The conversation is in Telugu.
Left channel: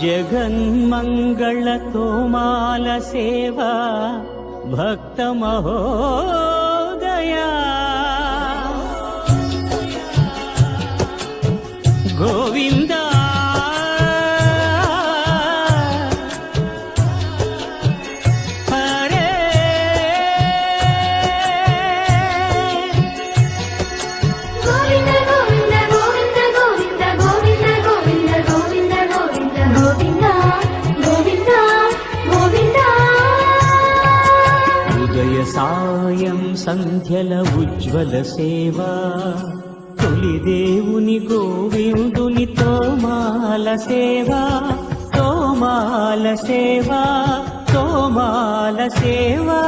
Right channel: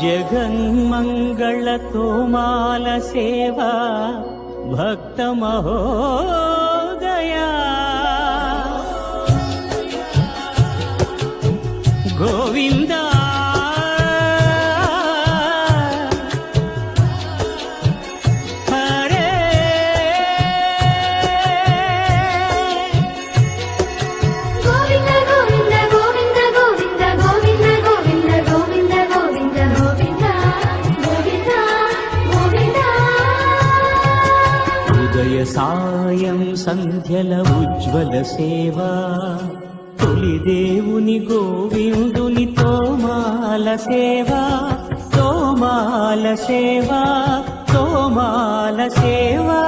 జగన్మంగళ తోమాల సేవా భక్త మహోదయా గోవిందా హరే గోవింద గోవింద గోవింద గోవింద గోవింద గోవింద గోవింద గోవింద గోవింద గోవింద గోవింద ఉదయ సాయం సంధ్యల ఉజ్వల సేవా తొలి దేవుని గోవిందుని తోమాల సేవా తోమాల సేవా తోమాల సేవా